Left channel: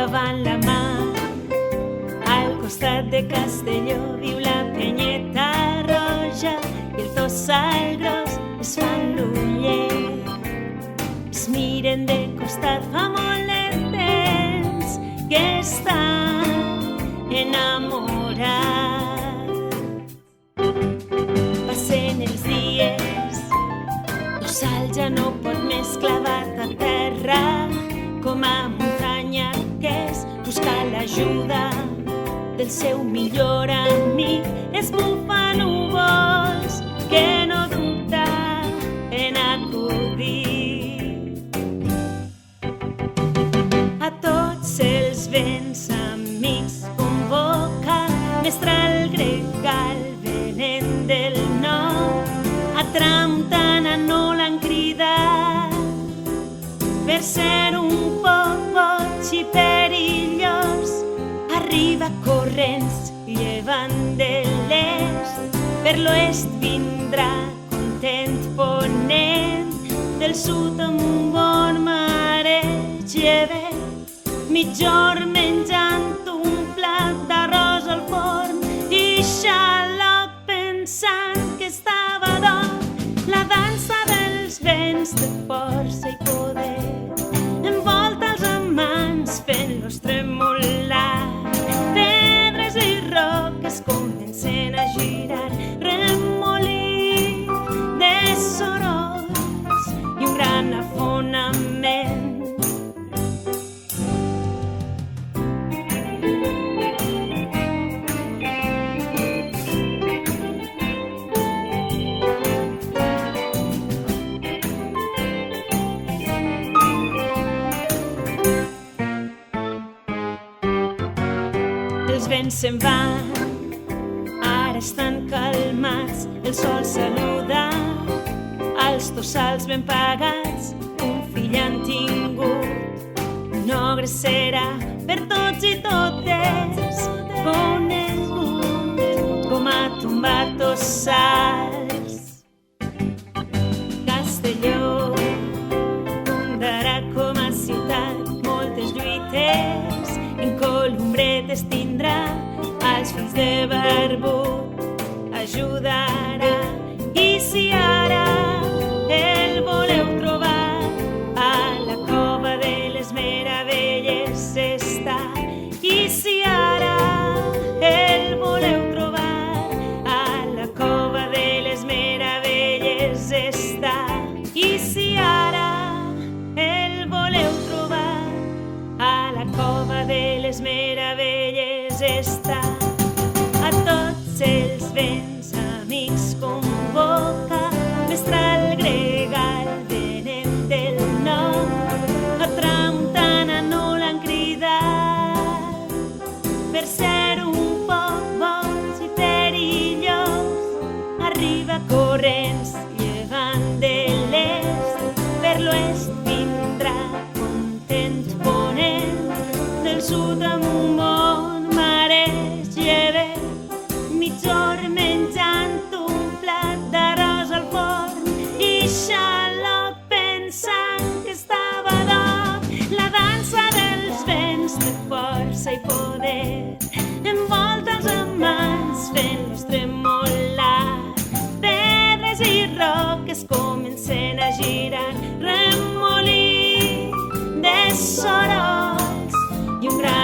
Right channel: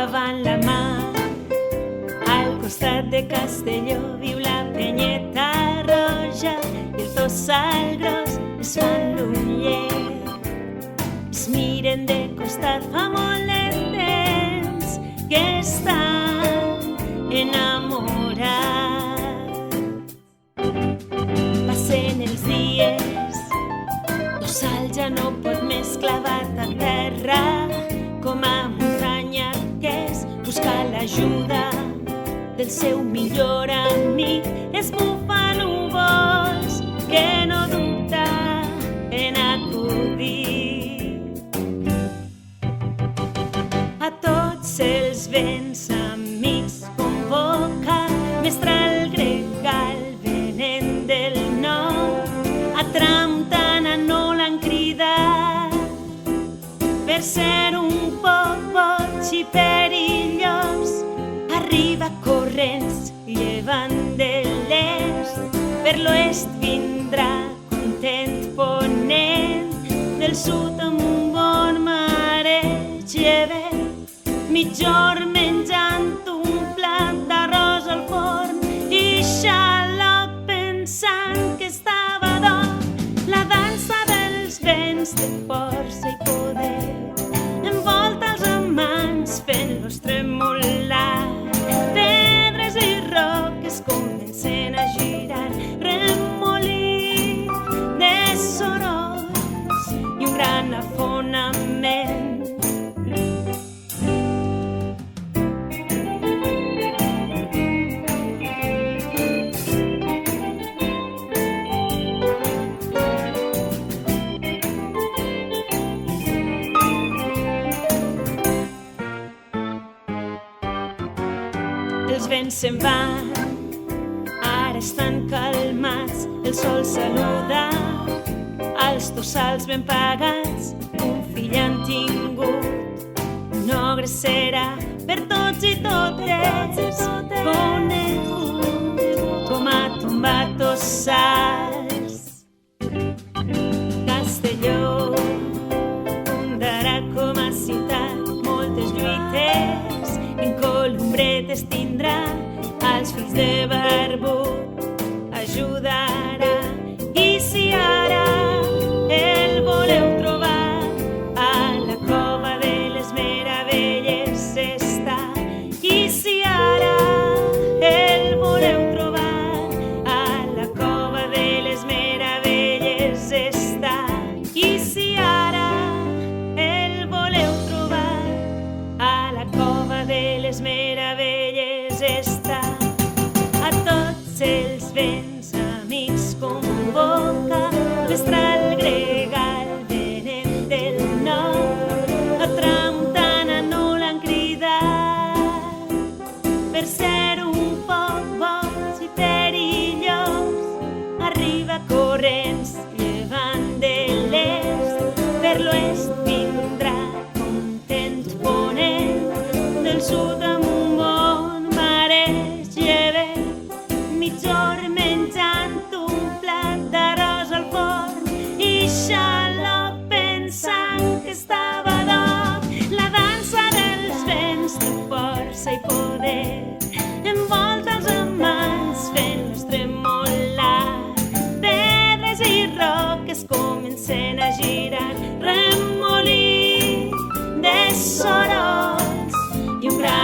davant la mar. Al costat de Castelló viu la Penyeta Roja i el Tossal Gros es fan l'ullet. Es miren de costat fa molt de temps que estan enamorats. Passen els dies, Tossal ja no pot més, clavat a terra, com a muntanya que és, buscar l'ajuda del seu millor amic. Esbufa núvols que no dubta en acudir. A tots els vents amics convoca, mestral gregal venent del nord. A tramuntana no l'han cridat per ser un poc boig i perillós. Arriba corrents llevant de l'est, per l'oest vindrà content ponent, del sud amb un bon mareig llevet, mitjor menjant un plat d'arròs al forn i xaloc pensant que estava d'or. La dansa dels vents de força i poder envolta els amants fent-los tremolar. Pedres i roques comencen a girar, remolí de sorolls i un gran afonament. Els vents se'n van, ara estan calmats, el sol saluda als tossals ben pagats. Un fill han tingut, un ogre serà per tots i totes conegut com a tombar tossals. Castelló fundarà com a ciutat, moltes lluites en columbretes tindrà, als fills de barbut ajudarà. I si ara el voleu trobar, a la cova de les meravelles està. I si ara el voleu trobar, a la cova de les meravelles està. I si ara el voleu trobar, a la cova de les meravelles està. A tots els vents amics convoca, mestral gregal venent del nord. A tramuntana no l'han cridat per ser un poc boig i perillós. Arriba corrents llevant de l'est, per l'oest vindrà content ponent, del sud amb un bon mareig llevet, mitjor menjant un plat d'arròs al forn i xaloc pensant que estava d'or. La dansa dels vents de força i poder envolta els amants fent-los tremolar. Pedres i roques comencen a girar, remolí de sorolls i un gran